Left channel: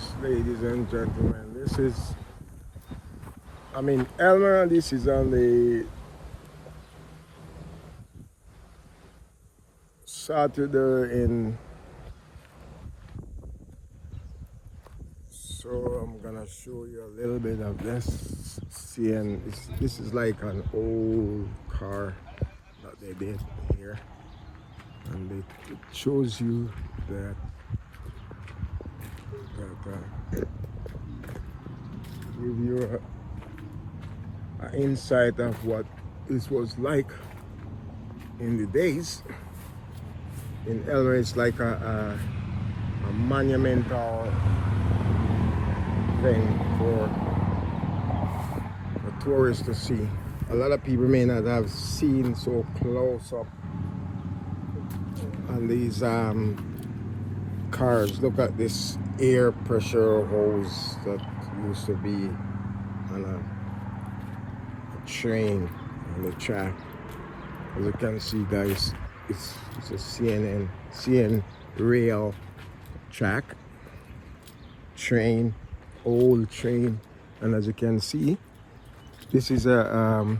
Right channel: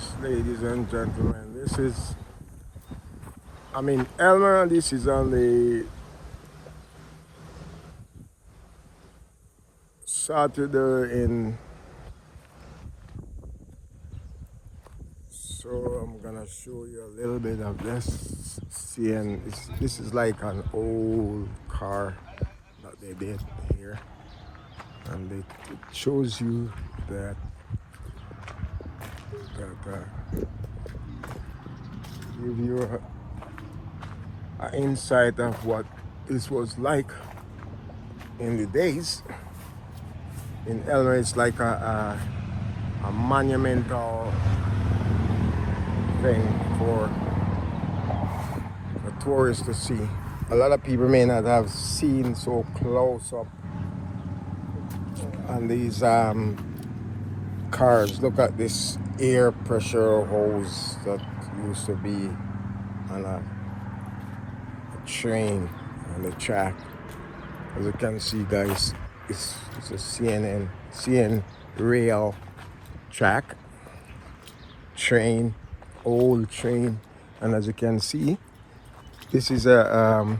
Yes, ladies and gentlemen, this is, Elmer, this is on the Saturday so I'm gonna show you a little bit of this. Seeing this is like an old car that they did here, and it shows you that give you an insight of what this was like in the days. In Elmer, it's like a monumental thing for tourists to see. A lot of people may not have seen so close up on these cars. Look at this air pressure hose that used to be on a train on the track. As you can see, guys, it's a CN rail track, train, old train, and as you can see, this is a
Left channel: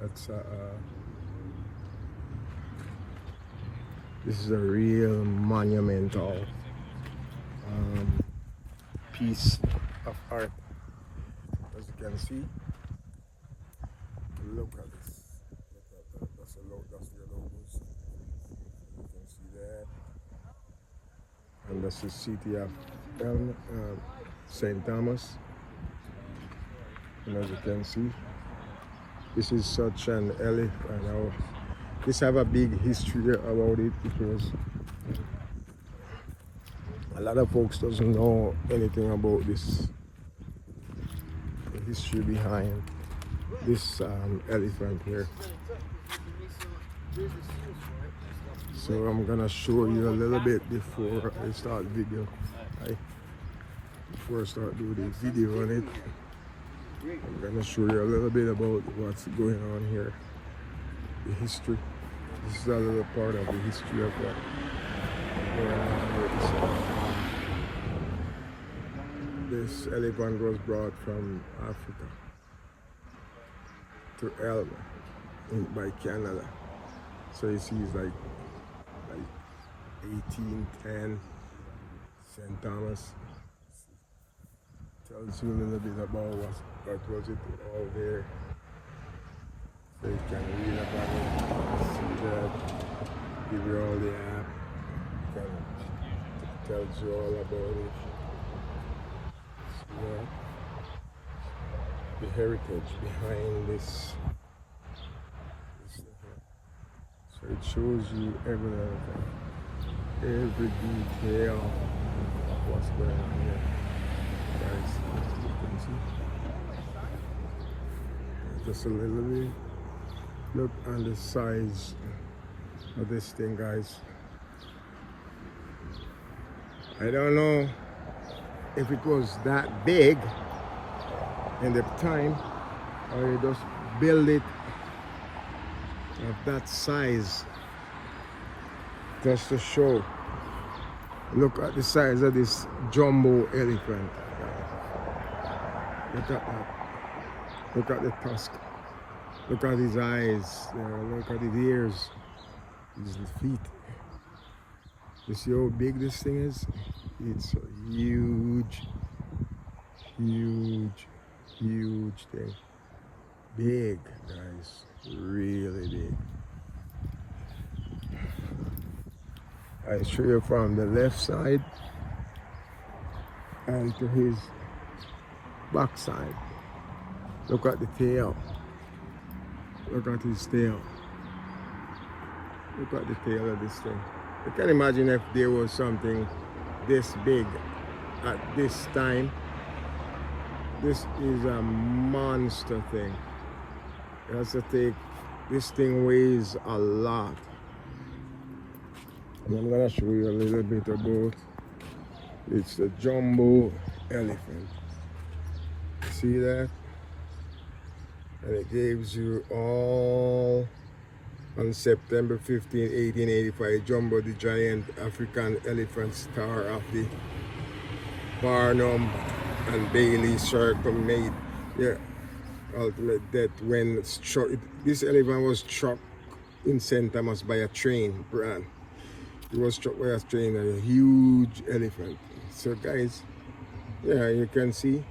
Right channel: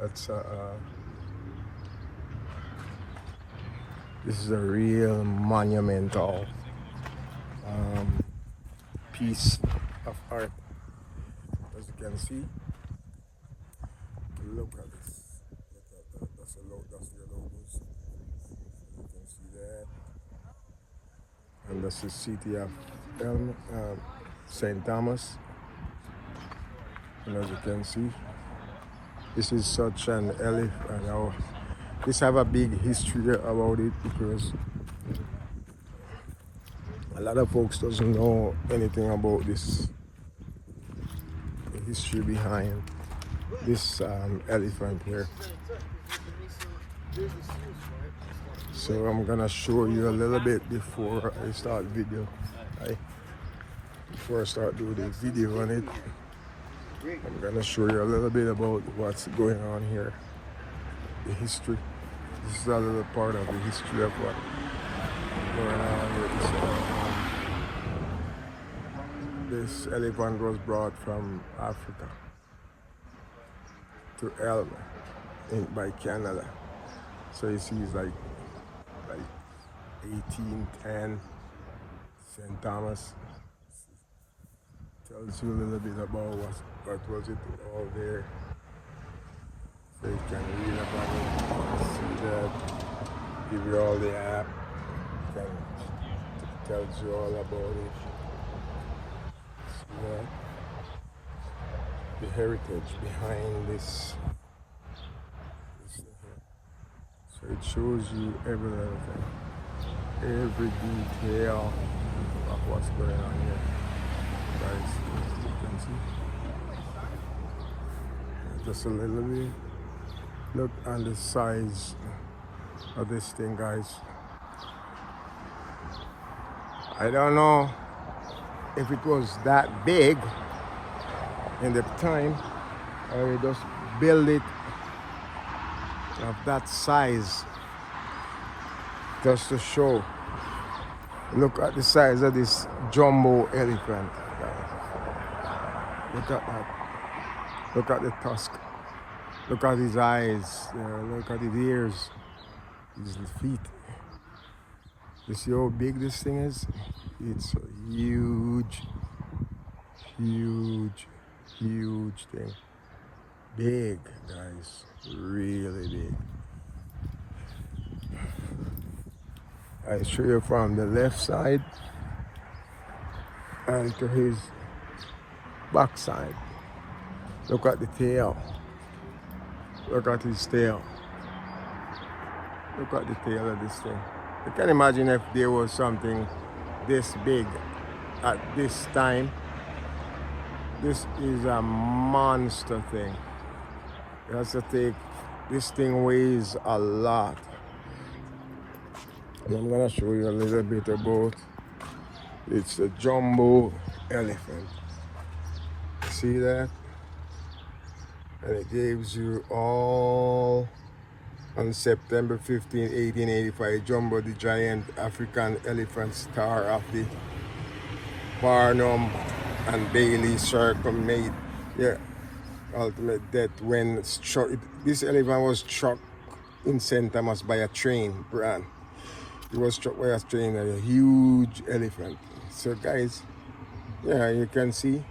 that's this is a real monumental piece of art. As you can see, look at this. That's their logos. You can see that, and that's the city of St. Thomas. And as you can see, this is such an elephant. Now, this have a big history about it because a lot of folks doesn't know anything about this, the history behind this elephant here. So I'm gonna show you a little bit before I start the video. Right? Before I start doing the video on it, I'm gonna show you a little bit about what's going on here. The history. This is a little part of the history of what's going on with this elephant was brought from Africa to Elmer by Canada. So you see it's like 1810 St. Thomas. Tells you a little bit about what was it all there. So you can read about it, see that, give you all the app, tells you all about it. So, the heritage behind this thing here. So it shows you every little thing, every detail of what's going on here. Guys, you can see just a little bit. Look on the size of this thing, guys. I don't know if it was that big in the time, or you just build it of that size just to show. Look at the size of this jumbo elephant, guys. Look at that. Look at the tusk. Look at his eyes there. Look at his ears. His feet. You see how big this thing is? It's a huge, huge, huge thing. Big, guys. Really big. I show you from the left side and to his back side. Look at the tail. Look at his tail. Look at the tail of this thing. You can imagine if there was something this big at this time. This is a monster thing. It has to take, this thing weighs a lot. And I'm gonna show you a little bit about, it's a jumbo elephant. See that? And it gives you all on September 15, 1885, Jumbo the giant African elephant, star of the Barnum and Bailey Circle, made their ultimate death when struck. This elephant was struck in St. Thomas by a train, Brand. It was struck by a train, a huge elephant. So guys, yeah, you can see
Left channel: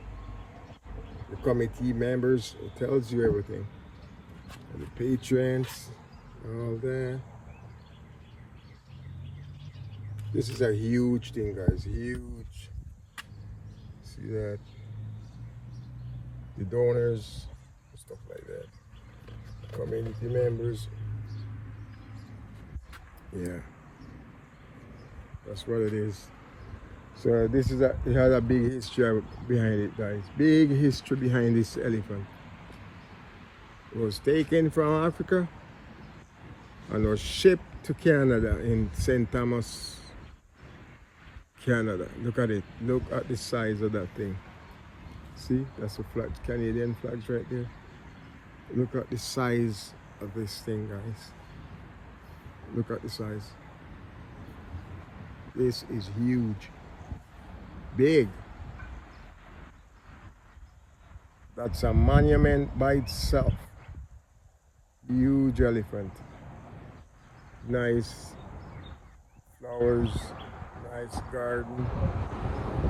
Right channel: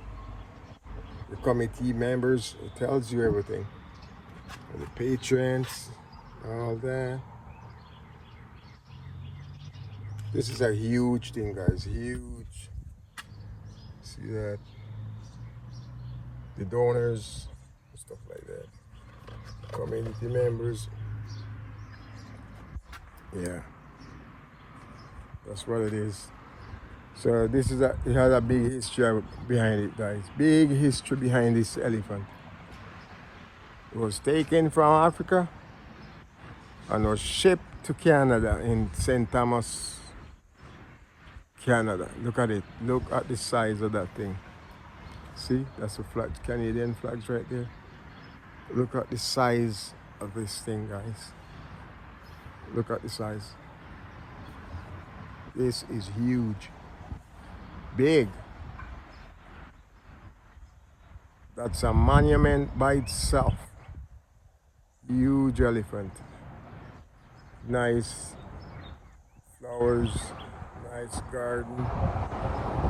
the committee members, it tells you everything. And the patrons, all that. This is a huge thing, guys, huge. See that? The donors, stuff like that. Community members. Yeah, that's what it is. So this is it has a big history behind it, guys. Big history behind this elephant. It was taken from Africa and was shipped to Canada in St. Thomas, Canada. Look at it. Look at the size of that thing. See, that's a flag, Canadian flags right there. Look at the size of this thing, guys. Look at the size. This is huge. Big. That's a monument by itself. Huge elephant. Nice flowers, nice garden.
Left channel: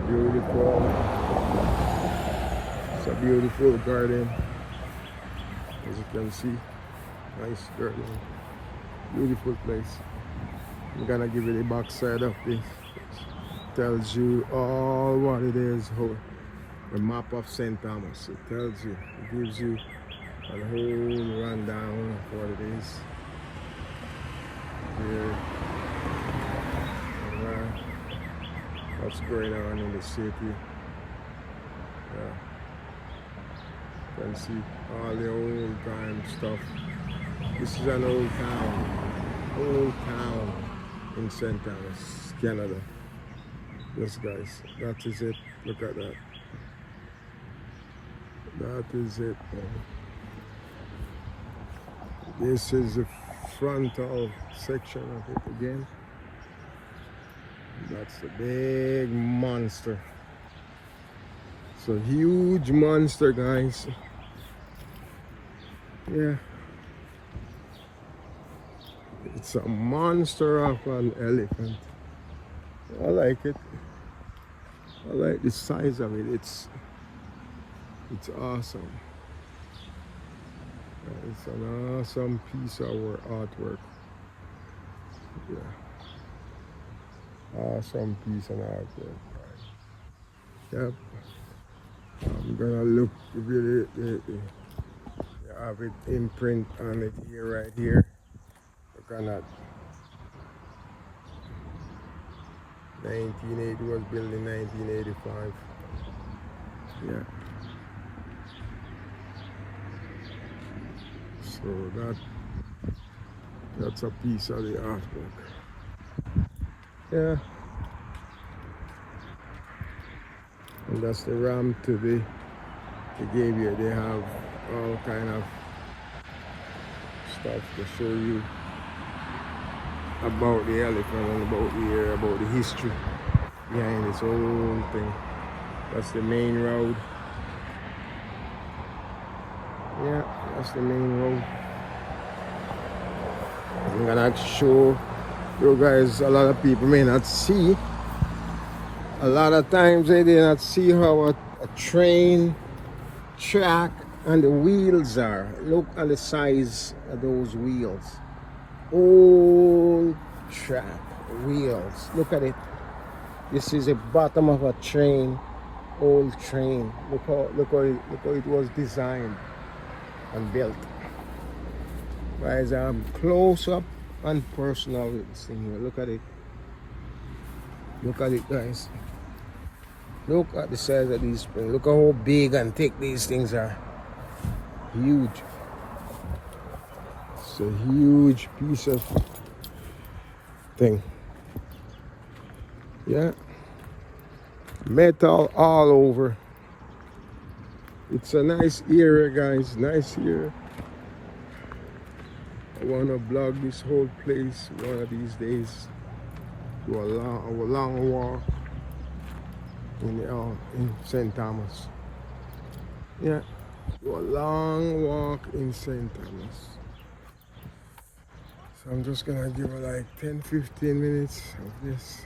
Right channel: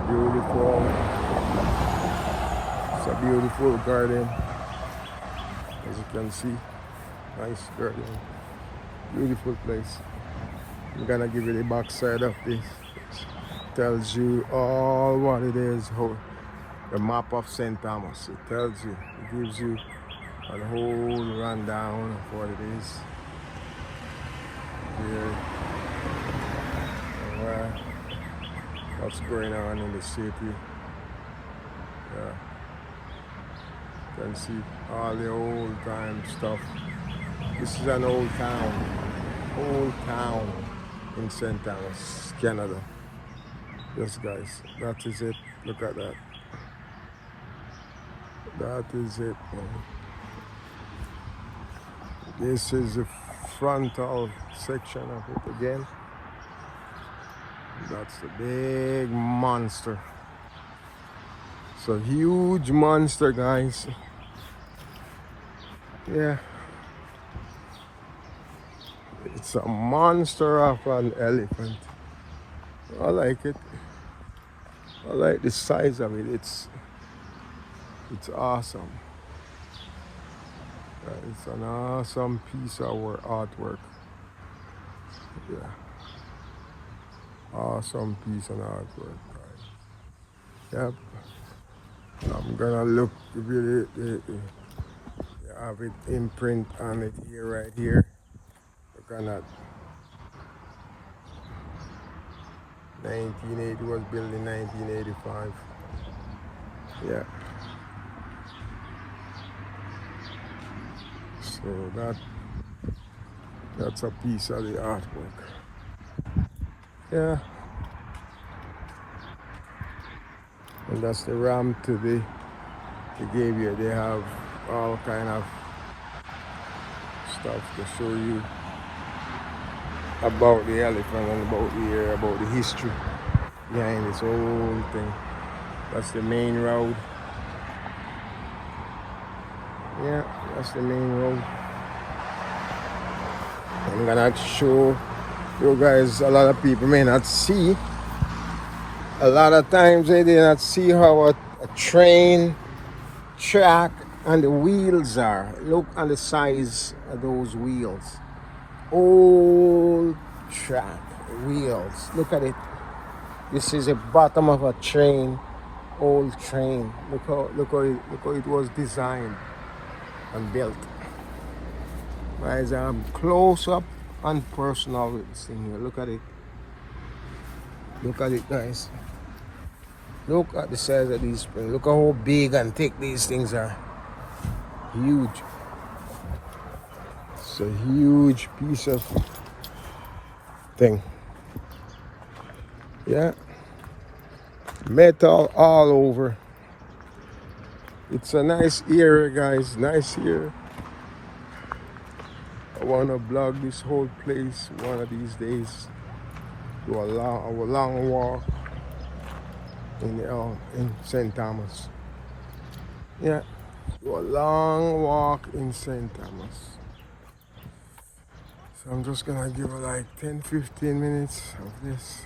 Beautiful. It's a beautiful garden. As you can see, nice garden. Beautiful place. I'm gonna give you the back side of this. Tells you all what it is, how the map of St. Thomas. It tells you, it gives you a whole rundown of what it is here, and what's going on in the city. Yeah. You can see all the old time stuff. This is an old town in St. Thomas, Canada. Yes, guys, that is it. Look at that. That is it. This is the frontal section of it again. That's the big monster. It's a huge monster, guys. Yeah. It's a monster of an elephant. I like it. I like the size of it. It's awesome. It's an awesome piece of artwork. Yeah. Awesome piece of artwork. Yep. I'm gonna look really. You have it imprint on it here, right here. Look at that. 1980 was built in 1985. Yeah. So that's a piece of the artwork. Yeah. And that's the ramp to they gave you. They have all kind of stuff to show you about the elephant and about the history behind this whole thing. That's the main road. Yeah, that's the main road. I'm gonna show you guys, a lot of people may not see. A lot of times they do not see how a train track and the wheels are. Look on the size of those wheels. Old track wheels. Look at it. This is the bottom of a train, old train. Look how it was designed and built. Guys, I'm close up and personal with this thing here. Look at it. Look at it, guys. Look at the size of these springs. Look how big and thick these things are. Huge. It's a huge piece of thing. Yeah. Metal all over. It's a nice area, guys. Nice area. I wanna blog this whole place one of these days. Do a long walk in St. Thomas. Yeah, do a long walk in St. Thomas. So I'm just gonna give it like 10-15 minutes of this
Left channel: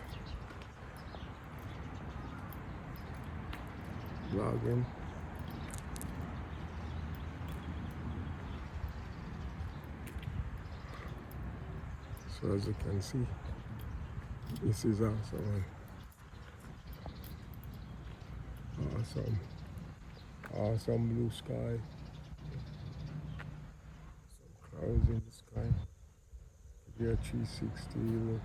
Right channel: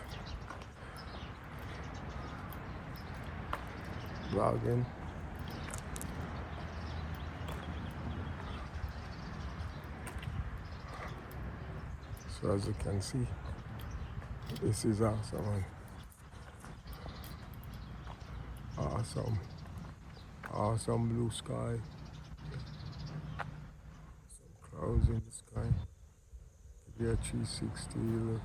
vlogging. So as you can see, this is awesome. Awesome. Awesome blue sky. Some clouds in the sky. Give you a 360 look.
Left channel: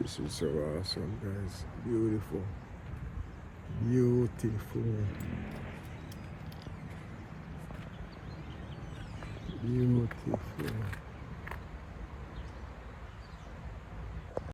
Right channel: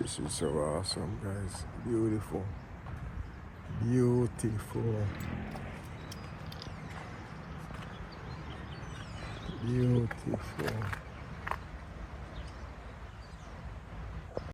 This is so awesome, guys. Beautiful. Beautiful. Beautiful.